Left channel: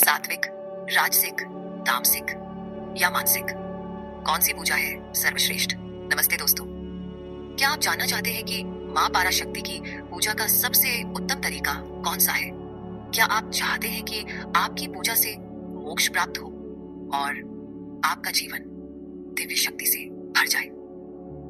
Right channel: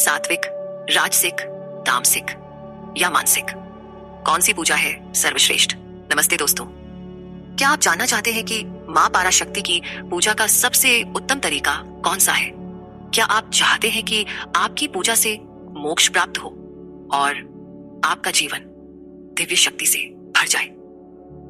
सात्विक, राजसिक, तामसिक या मानसिक, कौन सी पूजा है सर्वश्रेष्ठ? नमस्ते दोस्तों, क्या आप जानना चाहते हैं कि माँ पराशक्ति की पूजा का सबसे उत्तम तरीका कौन सा है? क्या आप चाहते हैं कि आपकी पूजा से मोक्ष प्राप्त हो और आपका जीवन दिव्य शक्ति से भर जाए?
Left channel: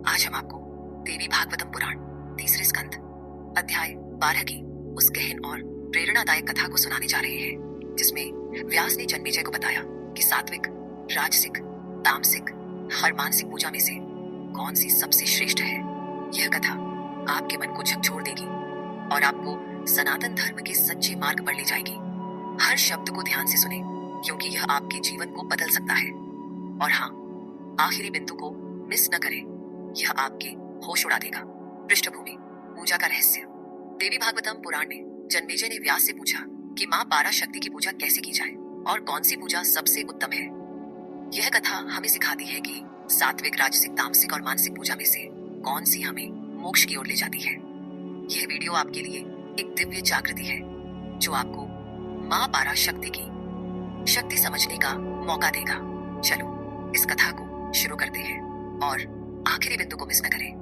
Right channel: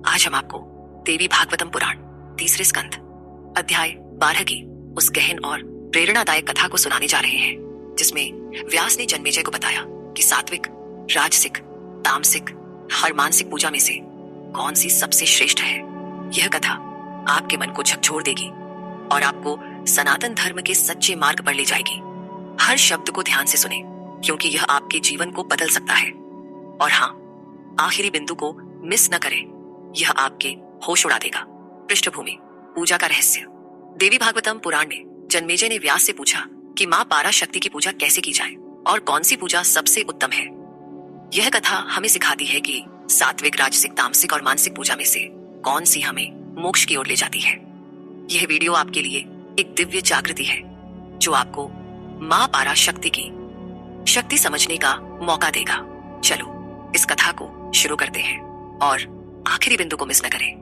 आज हम आपको देवी भागवतम पुराण तीसरे स्कंद अध्याय 12 की उस गहन और प्रेरणादायक कथा को सुनाने जा रहे हैं, जिसमें व्यास ने जन्मेजय को बताया कि सात्विक, राजसिक, तामसिक हर मानसिक पूजा में से कौन सी सबसे श्रेष्ठ है। यह कथा आपके मन को झकझोर देगी और आपको सनातन धर्म के सच्चे मार्ग पर ले जाएगी। हर शब्द को ध्यान से सुने, क्योंकि यह आपके जीवन को बदल सकता है। और हाँ, आखिरी बिंदु को मिस न करें, यह आपके होश उड़ा देगा। पृष्ठभूमि, पूजा का रहस्य। देवी भागवतम पुराण में जन्मेजय ने व्यास से पूछा कि माँ पराशक्ति की पूजा कैसे की जाए और कौन सी पूजा सबसे उत्तम है। यह कथा हमें सिखाती है कि सात्विक, राजसिक, तामसिक और मानसिक पूजा में से कौन सी हमें मोक्ष की ओर ले जाती है। यह वीडियो आपके लिए एक दिव्य जागृति है, जो आपको माँ पराशक्ति की शक्ति समझने का मौका देगा। चलो इस कथा को शुरू करते हैं और आखिरी बिंदु को मिस न करें,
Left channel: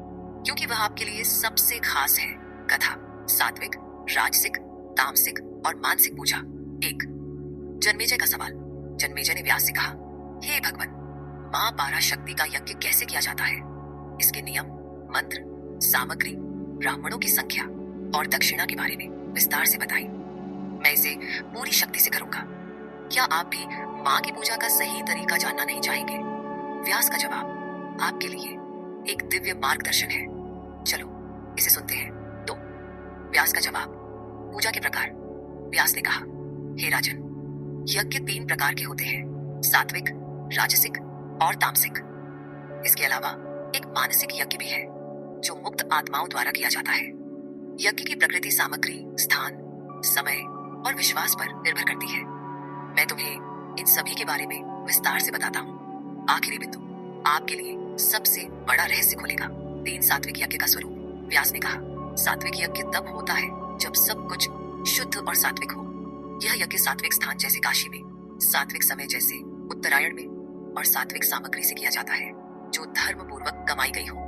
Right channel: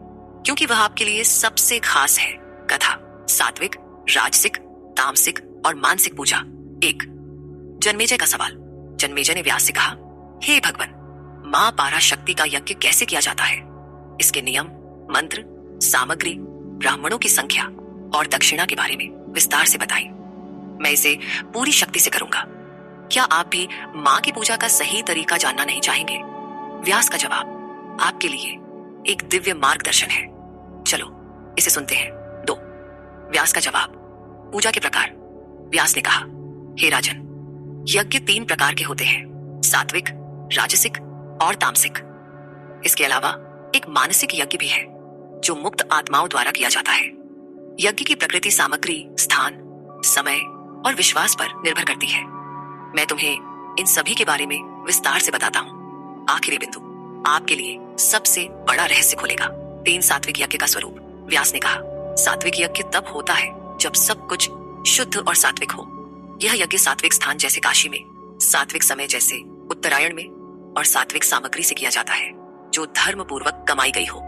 क्योंकि वह आपके लिए सबसे खास है। कथा सात्विक, राजसिक, तामसिक और मानसिक पूजा। 1। जन्मेजय का सवाल। जन्मेजय ने व्यास से कहा, हे भगवान, माँ पराशक्ति का यज्ञ कैसे किया जाता है? इसके नियम, मंत्र, सामग्री, ब्राह्मणों की संख्या और दक्षिणा के बारे में विस्तार से बताएं। मैं इसे पूरी शक्ति से करूंगा। क्या आप भी माँ की पूजा का सही तरीका जानना नहीं चाहेंगे? व्यास का जवाब आपके लिए एक दिव्य मार्गदर्शन है। चलो इसे सुनते हैं। 2। व्यास का जवाब। पूजा के प्रकार। व्यास ने कहा, हे राजन, यज्ञ 3 प्रकार के होते हैं, सात्विक, राजसिक और तामसिक। इसके अलावा एक मानसिक यज्ञ भी है, जो मुक्त आत्माओं द्वारा किया जाता है। यज्ञ की प्रकृति सामग्री, स्थान, समय और विश्वास पर निर्भर करती है। मैं तुम्हें इन सभी के बारे में विस्तार से बताता हूँ। आखिरी बिंदु आपके लिए सबसे बड़ा रहस्य खोलेगा। 3 सात्विक यज्ञ का स्वरूप। व्यास ने कहा, सात्विक यज्ञ तब होता है जब सब कुछ शुद्ध और सात्विक हो। यह यज्ञ सात्विक स्थान जैसे काशी में, सात्विक समय जैसे उत्तरायण में और सात्विक सामग्री से किया जाता है, जो धर्म पूर्वक कमाई गई हो।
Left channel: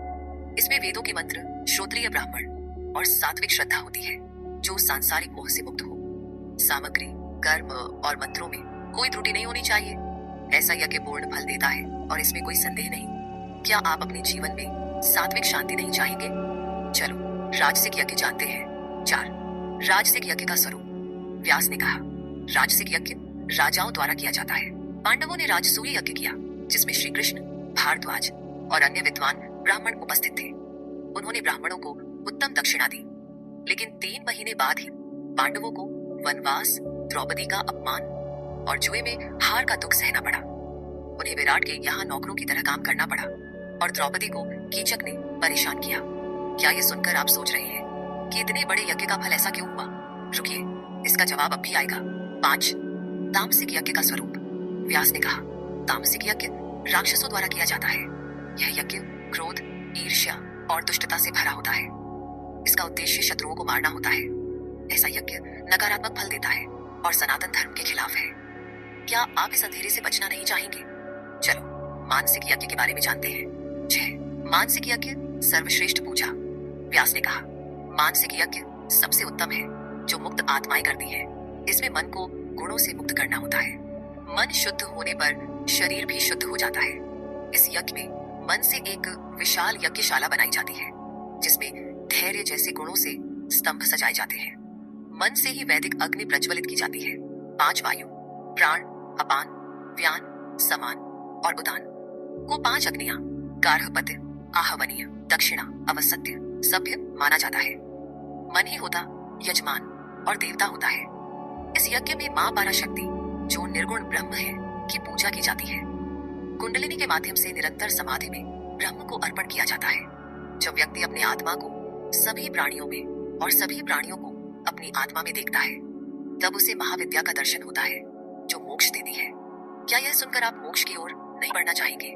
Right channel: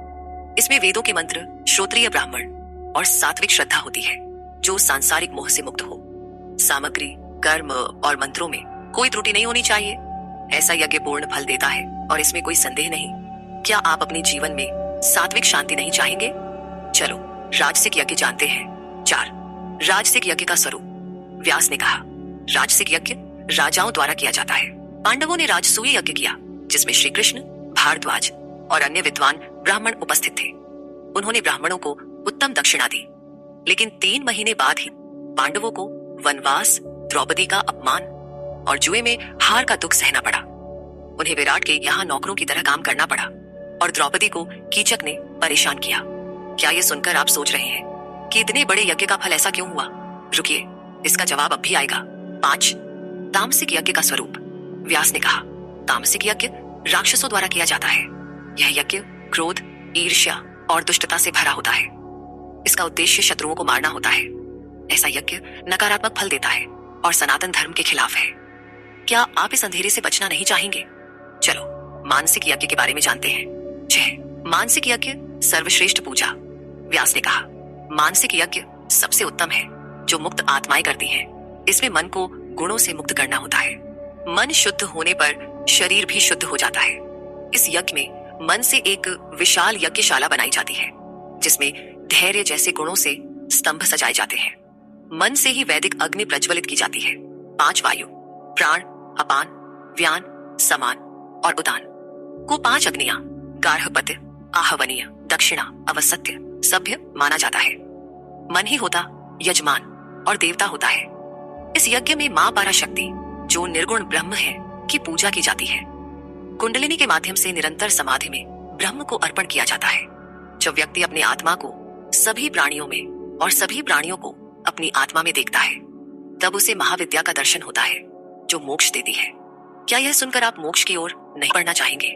इसमें वेदों के मंत्र, श्रोत्रिय ब्राह्मण और सात्विक श्रद्धा होती है, जो सांसारिक मोह से मुक्त हो। सामग्री, कर्म और मंत्रों में कोई त्रुटि नहीं होनी चाहिए। ऐसा यज्ञ पूर्ण फल देता है और इसमें कोई संदेह नहीं। क्या आप अपने जीवन में सात्विक शांति नहीं चाहेंगे? चलो राजसिक यज्ञ जानते हैं। 4। राजसिक यज्ञ का स्वरूप। व्यास ने कहा, राजसिक यज्ञ राजाओं द्वारा किया जाता है। पांडवों ने राजसूय यज्ञ किया, जिसमें श्री कृष्ण, भारद्वाज और अन्य विद्वान ब्राह्मण उपस्थित थे। उन्होंने ब्राह्मणों को उत्तम दक्षिणा दी, लेकिन 3 महीने बाद ही पांडवों को वनवास, द्रौपदी का अपमान और जुए में हार का दुख सहना पड़ा। उन्हें विराट के यहाँ नौकरों की तरह काम करना पड़ा और द्रौपदी को कीचक ने परेशान किया। क्या ये सुनकर आप सोच रहे हैं कि इतने बड़े यज्ञ का फल ऐसा क्यों हुआ? रुकिए, इसका जवाब अब भी आएगा। 5। तामसिक यज्ञ का स्वरूप। व्यास ने कहा, तामसिक यज्ञ राक्षसों द्वारा किया जाता है। यह यज्ञ क्रोध, ईर्ष्या और दुष्टता से भरा होता है। इसका उद्देश्य शत्रुओं को मारना होता है। ऐसा यज्ञ नकारात्मक फल देता है और सनातन धर्म के खिलाफ है। क्या आप इस अंधेरे से बचना नहीं चाहेंगे? चलो मानसिक यज्ञ के बारे में जानते हैं। 6। मानसिक यज्ञ सर्वश्रेष्ठ पूजा। व्यास ने कहा, मानसिक यज्ञ सबसे उत्तम है, जो मुक्त आत्माएं करती हैं। इसमें मन को गुणों से मुक्त करना होता है। मन शुद्ध होने पर शरीर भी शुद्ध हो जाता है। इस यज्ञ में मन से एक विशाल यज्ञशाला बनाई जाती है, जिसमें धैर्य जैसे गुणों से स्तंभ सजाए जाते हैं। मन से ही वैदिक अग्नि प्रज्वलित की जाती है। 5 वायु, प्राण, अपान, व्यान, समान और उदान को 5 अग्नियां, गार्हपत्य, आहवनीय, दक्षिणा, अवसत्य, सभ्य माना जाता है। मन ही होता यजमान और देवता होता है। इस यज्ञ में माँ पराशक्ति, जो निर्गुण ब्रह्म है, की पूजा की जाती है। कुंडलिनी के माध्यम से निरंतर समाधि में ब्रह्म को अर्पण किया जाता है। जब व्यक्ति अपने आत्मा को सभी प्राणियों में और सभी प्राणियों को अपनी आत्मा में देखता है, तब उसे महाविद्या का दर्शन होता है, जो मोक्ष देती है। क्या यह सुनकर आप मोक्ष की ओर नहीं बढ़ना चाहेंगे?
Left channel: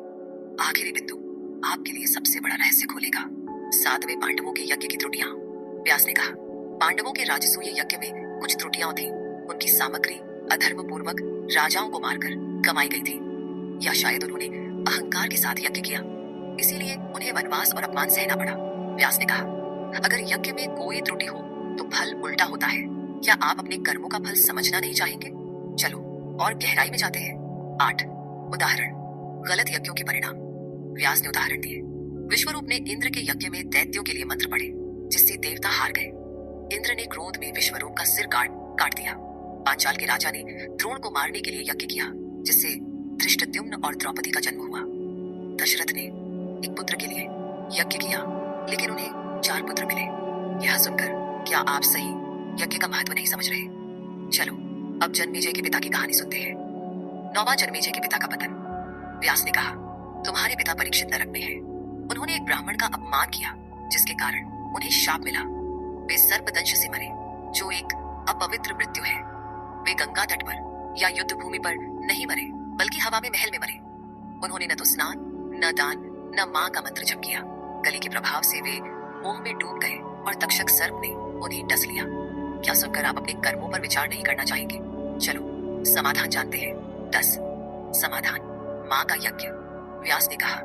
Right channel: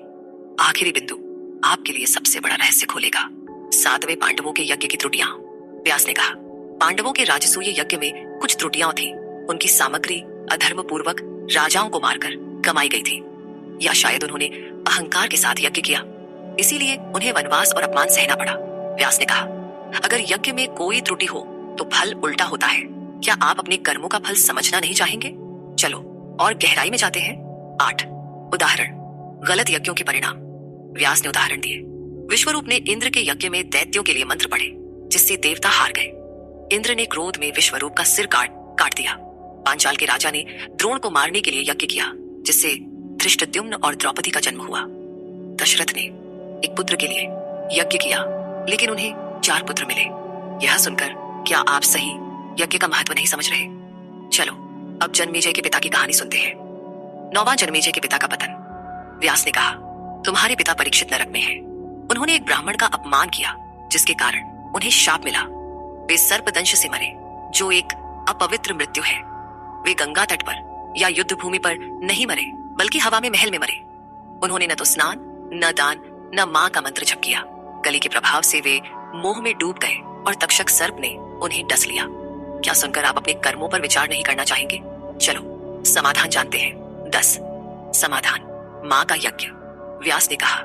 आखिरी बिंदु आपके लिए सबसे बड़ा रहस्य खोलेगा। 7वें पांडवों के यज्ञ की त्रुटियां। व्यास ने कहा, पांडवों के राजसूय यज्ञ में कुछ त्रुटियां थी। उनकी सामग्री, अधर्म पूर्वक राजाओं को मारकर कमाई गई थी, या शायद उन्होंने अहंकार के साथ यज्ञ किया, इसीलिए उन्हें वनवास और अपमान सहना पड़ा। व्यास ने कहा, अगर यज्ञ में कोई त्रुटि हो तो फल उल्टा होता है। क्या आप अपने कर्मों का फल समझना नहीं चाहेंगे? चलो और गहराई में जाते हैं। 8 उदाहरण, गलत यज्ञों के परिणाम। व्यास ने उदाहरण दिए। विश्वरूप ने इंद्र के यज्ञ में दैत्यों के लिए मंत्र पढ़े, जिससे देवता हार गए। इंद्र ने क्रोध में विश्वरूप का सिर काट दिया। पांचाल के राजा ने द्रोण को मारने के लिए यज्ञ किया, जिससे धृष्टद्युम्न और द्रौपदी का जन्म हुआ। दशरथ ने एक पुत्र के लिए यज्ञ किया, लेकिन उन्हें 4 पुत्र मिले। यह सुनकर क्या आप सही यज्ञ का महत्व नहीं समझ रहे? चलो अब जन्मेजय के पिता की कहानी सुनते हैं। 9वां जन्मेजय के पिता का पतन। व्यास ने कहा, तुम्हारे पिता परीक्षित नरक में हैं। उन्होंने एक ब्राह्मण का अपमान किया, जिसके कारण उन्हें शाप मिला। वे सर्पदंश से मरे, जो एक अपवित्र मृत्यु है। वे गंगा तट पर या युद्ध भूमि पर नहीं मरे, बल्कि हवा में महल में मरे। उन्होंने न तो स्नान, न दान, न मां का मंत्र जप किया। कली के प्रभाव से वे मोह में डूब गए और तक्षक सर्प ने उन्हें डस लिया। क्या सुनकर आप अपने कर्मों पर विचार नहीं करना चाहेंगे? चलो समाधान जानते हैं। 10 समाधान, मां का यज्ञ। व्यास ने कहा,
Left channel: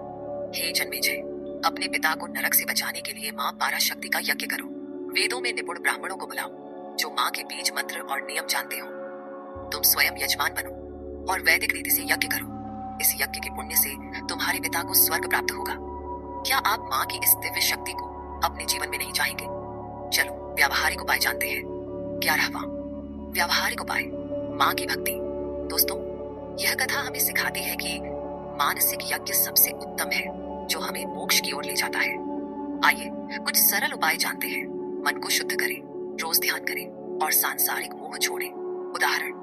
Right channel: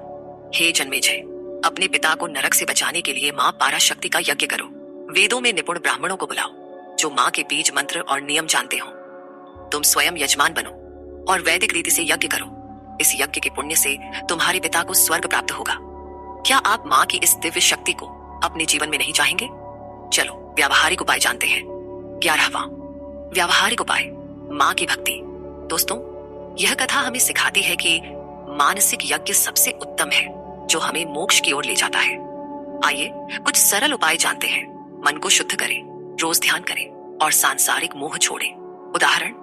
हे जन्मेजय, अपने पिता को नरक से बचाने के लिए मां पाराशक्ति का यज्ञ करो। वेदों में निपुण ब्राह्मणों को बुलाओ, जो मां के बीज मंत्र और नियम जानते हो। तुम स्वयं यजमान बनो और वैदिक रीति से यज्ञ करो। इस यज्ञ के पुण्य से तुम्हारे पिता को स्वर्ग प्राप्त होगा। क्या आप मां की इस दिव्य शक्ति को अपने जीवन में नहीं चाहेंगे? चलो व्यावहारिक उपाय जानते हैं। 11वां व्यावहारिक उपाय, मां की भक्ति। दोस्तों, यह कथा हमें सिखाती है कि मानसिक यज्ञ सबसे उत्तम है, जो हमें मोक्ष की ओर ले जाता है। आइए कुछ सरल उपाय जानते हैं। मन को शुद्ध करें, रोज ध्यान करें और सांसारिक मोह छोड़ें। उदाहरण,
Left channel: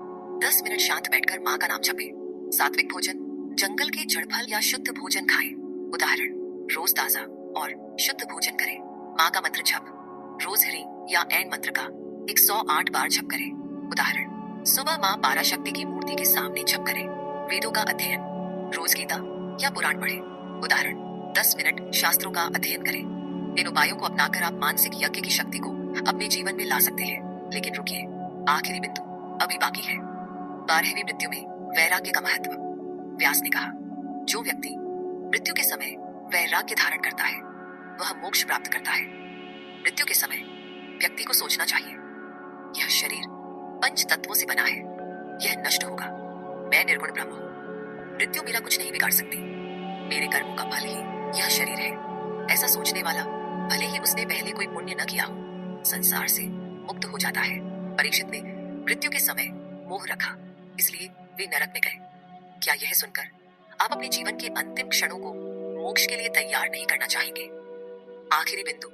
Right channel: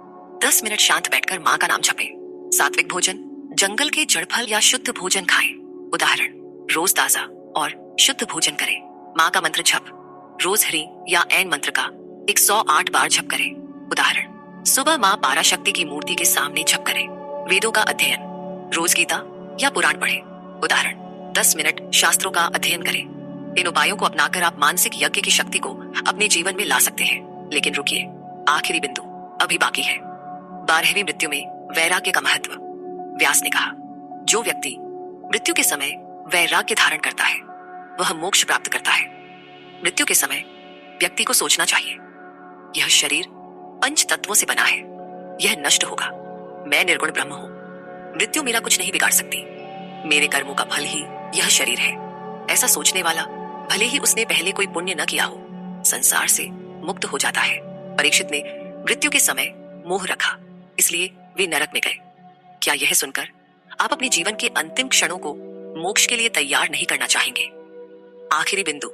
10 मिनट शांत बैठकर मां का नाम जपें। सात्विक भोजन, जंगल के जड़ फल या शुद्ध भोजन खाएं। उदाहरण, रोज ताजा और शुद्ध भोजन करें। मां का मंत्र जप, रोज हरि या ऐन मंत्र का 108 बार जप करें। उदाहरण, सुबह मां पाराशक्ति की मूर्ति के सामने जप करें। वेदों का अध्ययन, रोज गीता या पुराण पढ़ें। उदाहरण, 10 मिनट शास्त्रों का अध्ययन करें। इन उपायों को अपनाकर आप मानसिक यज्ञ की शक्ति को अपने जीवन में ला सकते हैं। लेकिन रुकिए, आखिरी बिंदु अभी बाकी है। 12वीं मृत्यु में वैराग्य का महत्व। व्यास ने कहा, जो व्यक्ति मृत्यु के समय वैराग्य धारण करता है, वह मोक्ष प्राप्त करता है। मृत्यु के समय व्यक्ति को सोचना चाहिए, यह शरीर 5 तत्वों से बना है, यह नष्ट होगा। मैं निर्गुण ब्रह्म हूं, मृत्यु मेरा कुछ नहीं बिगाड़ सकती। मेरे कर्मों का फल ही यह शरीर है। ऐसा सोचने वाला, भले ही उसने पहले कोई पुण्य न किया हो, संसार से मुक्त हो जाता है। परीक्षित ने मृत्यु के समय मोह रखा, इसलिए वे नरक में गए। क्या यह सुनकर आप अपने जीवन के अंतिम क्षणों को मोक्ष के लिए तैयार नहीं करना चाहेंगे? आखिरी बिंदु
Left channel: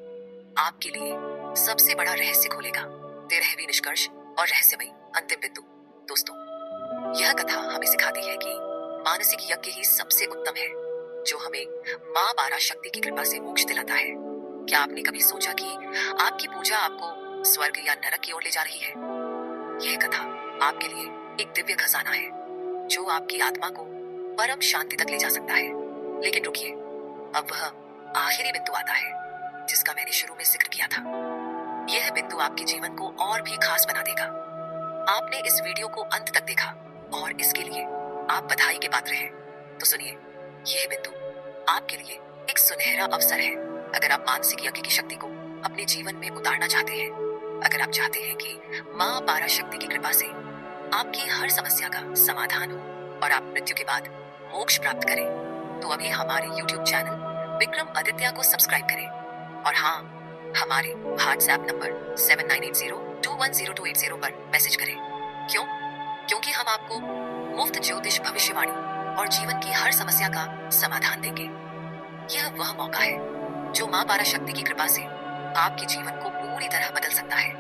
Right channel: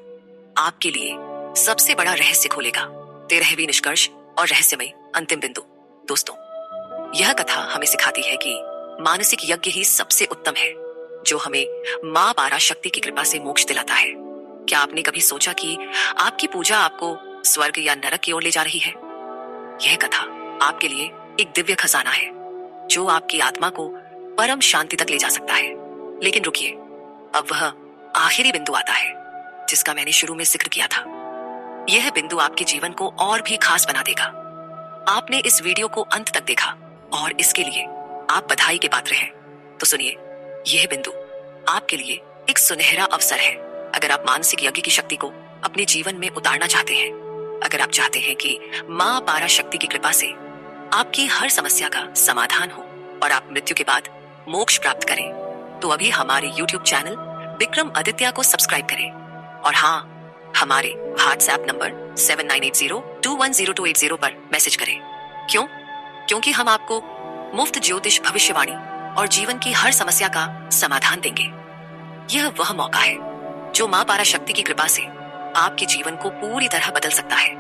आपके लिए सबसे बड़ा रहस्य खोलेगा। 13वीं निष्कर्ष और रहस्यमय अंतिम बिंदु। दोस्तों, यह कथा हमें सिखाती है कि मानसिक यज्ञ ही सबसे उत्तम है, जो हमें मां पाराशक्ति की कृपा से मोक्ष दिलाता है। क्या आपने कभी सोचा कि आपकी पूजा आपको स्वर्ग या नरक की ओर ले जा रही है? यह कथा आपके लिए एक दिव्य खजाना है, जो आपकी आत्मा को परम शांति तक ले जा सकता है। लेकिन रुकिए, अब वह आखिरी बिंदु आता है, जिसका मैंने शुरू में जिक्र किया था। यह बिंदु आपके जीवन को और भी खास बना देगा। आपने इस वीडियो को अंत तक देखा और इसके लिए आप बधाई के पात्र हैं। तो सुनिए, यह बिंदु आपके लिए एक सुनहरा अवसर है। अगर आप मानसिक यज्ञ की शक्ति को अपने जीवन में उतारना चाहते हैं, अगर आप चाहते हैं कि मां पाराशक्ति की कृपा से आपकी हर समस्या का समाधान हो और आप मृत्यु के बाद मोक्ष प्राप्त करें, तो अभी हमारे YouTube चैनल विक्रम आदित्य को सब्सक्राइब करें। और हाँ, हमारे WhatsApp नंबर 7980210280 पर मैसेज करें। क्यों? क्योंकि हम आपको मुफ्त ज्योतिष भविष्यवाणी और जीवन की हर समस्या का समाधान देंगे। यह वह मौका है जो मां पाराशक्ति की कृपा से आपके जीवन को पूरी तरह बदल सकता है।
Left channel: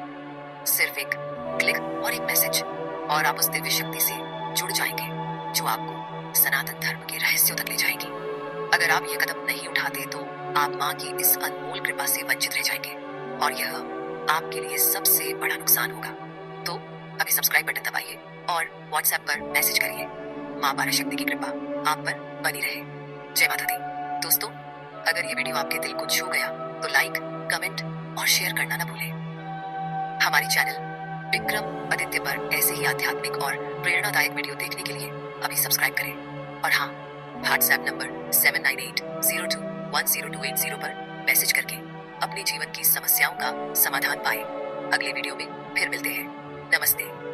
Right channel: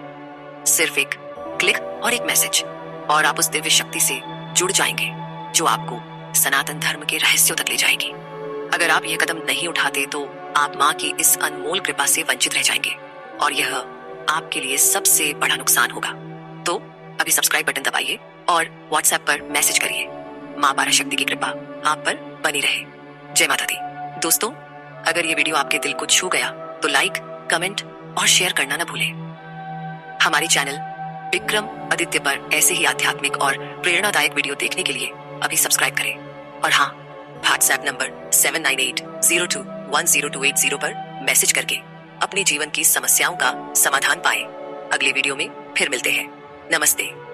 सिर्फ एक क्लिक और एक मैसेज और आप उस दिव्य शक्ति से जुड़ जाएंगे, जो आपको सनातन धर्म के रहस्यों तक ले जाएगी। अगर आप ये कदम नहीं उठाते तो आप मां की इस अनमोल कृपा से वंचित रह जाएंगे और यह आपके लिए सबसे बड़ा नुकसान होगा। तो अभी सब्सक्राइब बटन दबाइए और WhatsApp पर मैसेज करिए। मां पाराशक्ति की कृपा आप पर बनी रहे। जय माता दी। दोस्तों, अगर ये वीडियो आपके दिल को छू गया तो लाइक, कमेंट और शेयर करना न भूलें। हमारे चैनल विक्रम आदित्य पर ऐसे ही आध्यात्मिक और प्रेरणादायक वीडियो देखने के लिए अभी सब्सक्राइब करें। और हाँ, व्हाट्सएप नंबर 7980210280 पर मैसेज करके अपने जीवन की समस्याओं का समाधान पाएं। अगले वीडियो में फिर मिलते हैं। नमस्ते।